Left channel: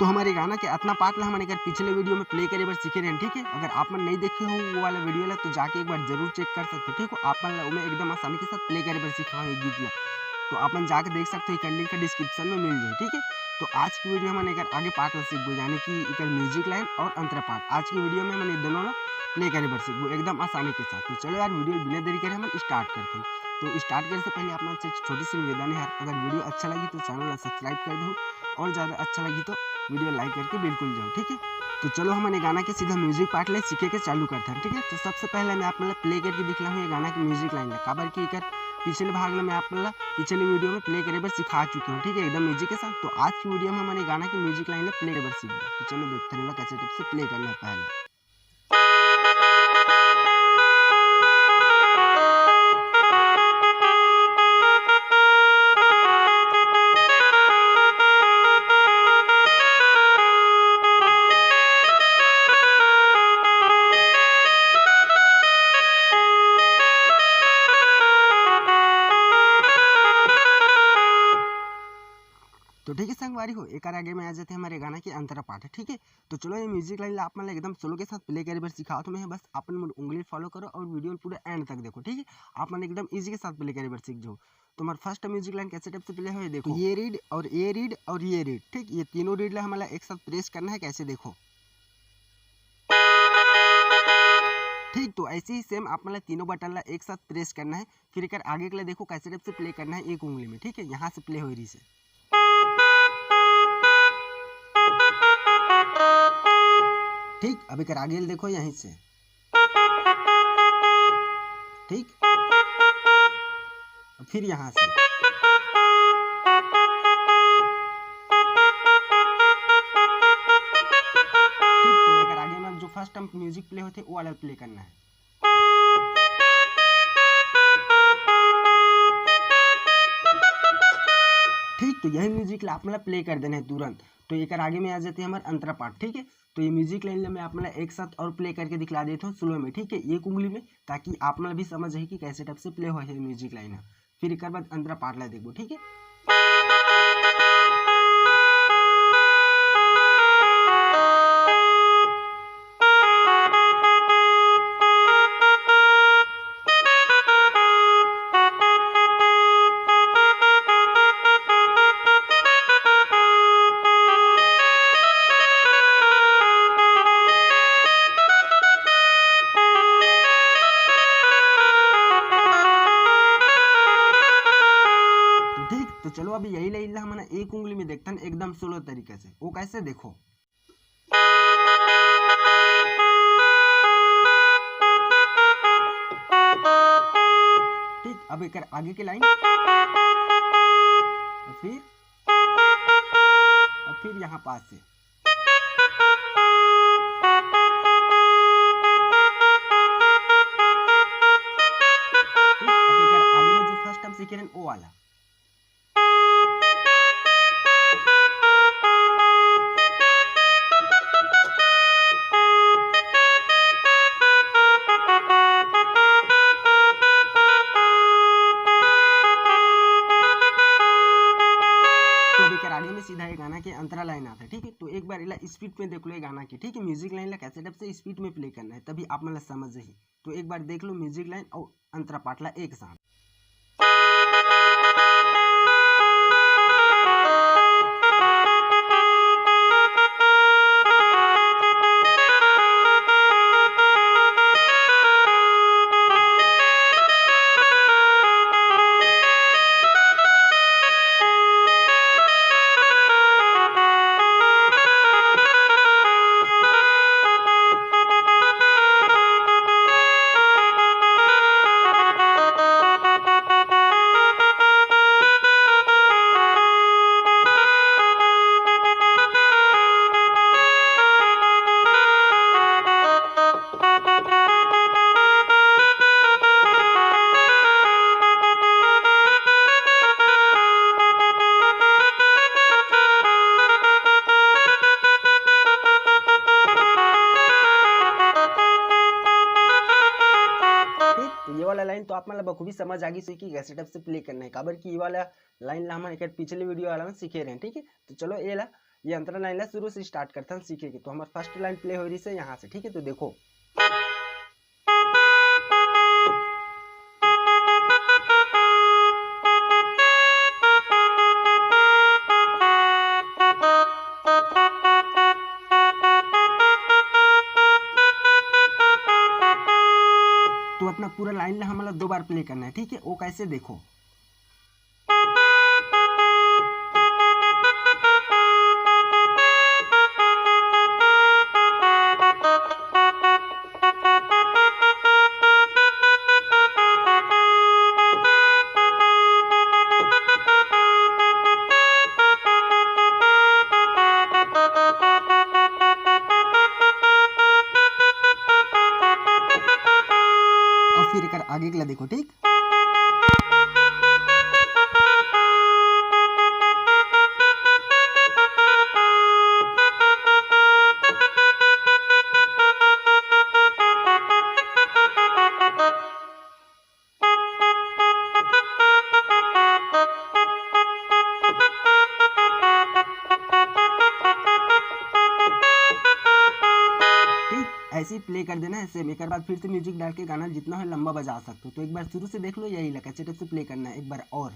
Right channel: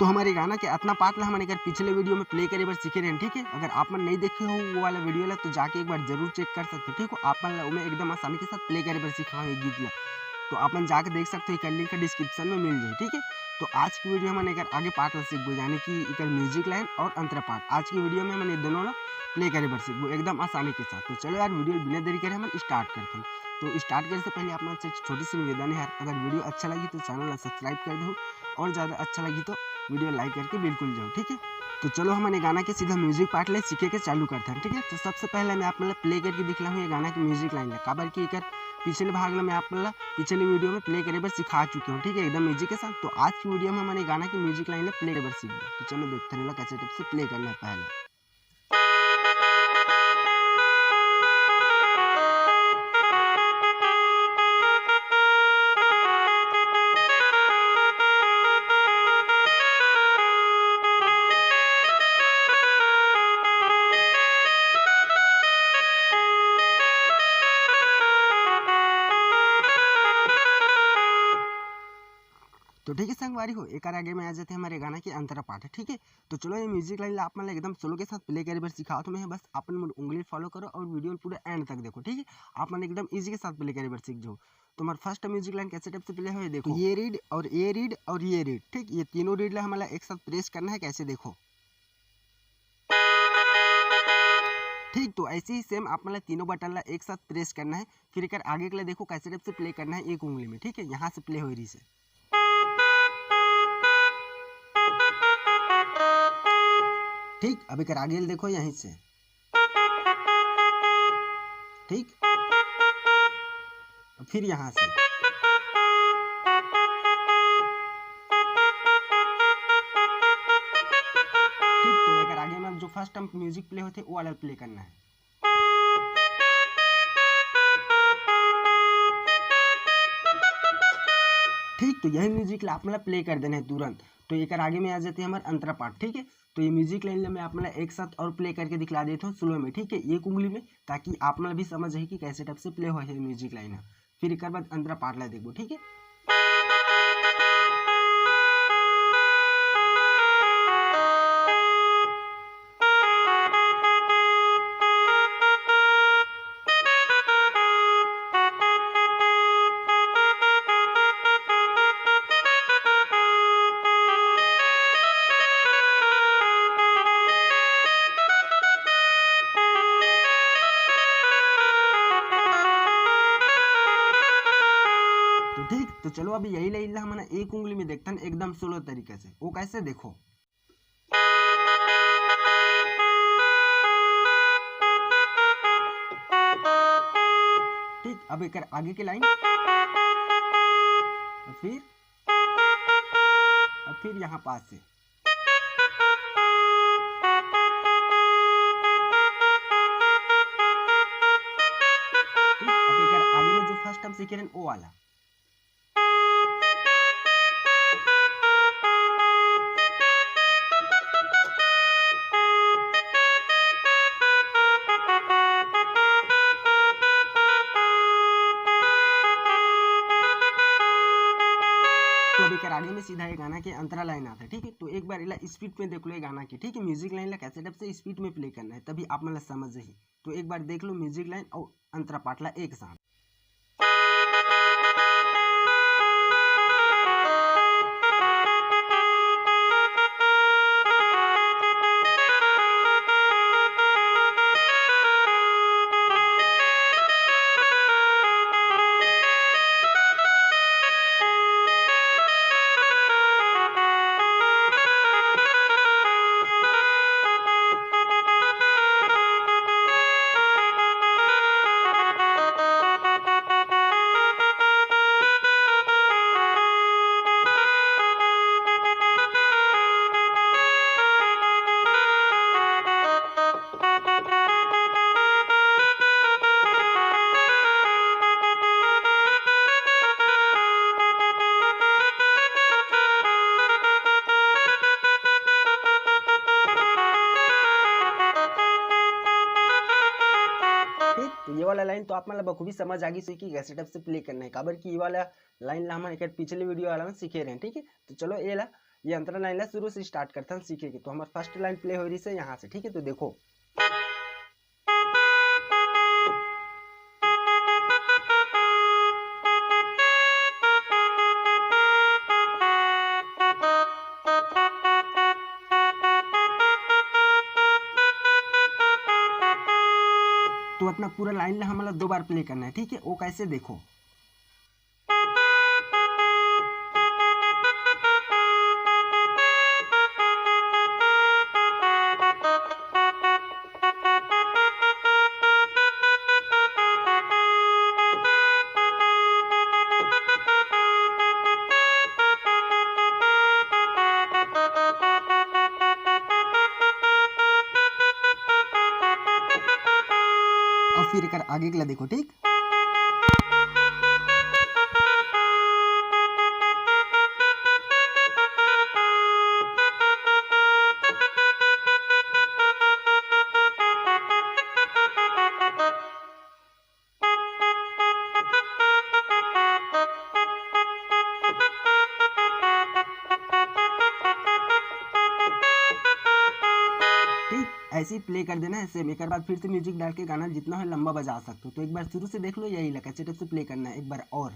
तो हमारे गाना के इतना पार्ट ला हमने पिछले वीडियो में प्ले करे बार सीखे रहे, ठीक है। अगर आप मन नहीं देखे हो वो वाला वीडियो ला तो जाके एक बार जरूर चेक कर सकते हो, ठीक हो। आप मन ला मैं एकदम आसानी के साथ प्ले करे बार सिखा ये गीत ला, तो आप मन जाके देख सकते हो, एक लिंक डिस्क्रिप्शन में मिल जाए, ठीक है। तो आज की वीडियो में एक आगे पार्ट ला सीखबो, यानी कि एक म्यूजिक लाइन और अंतरा पार्ट। आज की वीडियो में मैंने दोनों ला प्ले करे बार सीखबो एकदम आसानी के साथ। तो चलो यार वीडियो बिना देरी करे हम स्टार्ट करते हैं। तो स्टार्ट करने से पहले आप मन से छोटी सी निवेदन है यार, अगर वीडियो अच्छा लगी तो चैनल ला सब्सक्राइब कर दो, और ज़्यादा अच्छा लगी तो वीडियो लाइक करके बिल्कुल जाओ, ठीक है। तो चलो हमने गाना के सीधा म्यूजिक पार्ट ले सीखे के चालू करते हैं, ठीक है। तो सबसे पहले मैं आप मतलब प्ले करके दिखला हूँ ये गाना की म्यूजिक लाइन काबर की एक पिछले भाग में आप मतलब पिछले वीडियो में प्ले करे बार सिखा चुके हूँ, ठीक है, एकदम म्यूजिक के साथ। तो आज की वीडियो में हमने गाना की म्यूजिक लाइन प्ले करे बार सीख। तो चलो देखते रहे कैसे टिप से प्ले करना है पहले। तो ठीक है संगवारी हो, एक आगे में आ जाते हैं हमारे गाना की अंतरा पार्ट है, ठीक है। तो चलो ये म्यूजिक लाइन आप मतलब एकदम सोलो के साथ प्ले करे बार सिखाओ, तो मैं बस अपन उंगली फॉलो करो और वीडियो पूरा एंड तक देखो, ठीक है। आप मन एकदम इजी के साथ प्ले करे बार सीख जाओ। तो हमारा फर्स्ट म्यूजिक लाइन कैसे टाइप से प्ले हो, देखो ये रीड और ये रीड और ये रीड, ठीक, ये तीनों रीड ला हमारा एक साथ प्रेस करना है, कैसे देखो, ठीक। तो ऐसे ही सेम आप मतलब तीनों बटन ला एक साथ प्रेस करना है। फिर एक आगे के लिए देखो कैसे टाइप से प्ले करना है एक उंगली में, ठीक है, यहाँ से प्ले हो रही से, ठीक। अब एक आगे देखो यहीं से, ठीक, फिर यहाँ से, ठीक। तो एक आगे में जो फर्स्ट टाइम म्यूजिक प्ले होते वो वाला प्ले करना है, ठीक। तो यही म्यूजिक आप मतलब प्ले कर देना है तुरंत। तो एक आगे में आ जाते हैं हमारे अंतरा पार्ट, ठीक है। तो ये म्यूजिक लाइन में आप मतलब एक साथ और प्ले करके दिखला देता हूँ स्लो में, ठीक है, एक उंगली में, ताकि आप मतलब भी समझ है कि कैसे टाइप से प्ले हो है म्यूजिक लाइन। फिर एक बाद अंतरा पार्ट ला देखो, ठीक है। तो ठीक। तो चलो अभी यही लाइन हमने एक उंगली में देखते हैं एकदम सोलो तरीके से, वो कैसे देखो, ठीक। अब एक आगे की लाइन, फिर यहाँ पास से, ठीक। अब एक आगे में जो फर्स्ट टाइम सीखे वो वाला, तो अभी आगे में सीधा ये गाना के अंतरा लाइन आता है, ठीक है। तो एक बार इला स्पीड में देख लो ये गाना की, ठीक है, म्यूजिक लाइन ला कैसे टाइप से स्पीड में प्ले करना है, तभी आप मतलब समझ ही। तो एक बार देख लो म्यूजिक लाइन और अंतरा पार्ट ला एक साथ। तो ये वाला लाइन तो आप मतलब बखूबी समझ आ गई कि कैसे टाइप से प्ले करना है, काबर की ये वाला लाइन ला हम एक पिछले वीडियो वाला में सीखे रहे हैं, ठीक है। तो चलो ये ला ये अंतरा लाइन ला शुरू से स्टार्ट करते हैं सीखे के। तो हमारे फर्स्ट लाइन प्ले हो रही है यहाँ से, ठीक है। तो देखो तो अपना पूरा लाइन ला हमारा 2 बार प्ले करना है, ठीक है। वो कैसे देखो, और फिर एक आगे के ला देखो, ठीक। ऐसे ही प्ले कर देना है सेम। एक बार फिर से म्यूजिक डाल के गाना जितना है लंबा बजा सकते हो। तो एक बार शुरू से देख लो, यही लगा सेटअप से प्ले करना है एक बार और।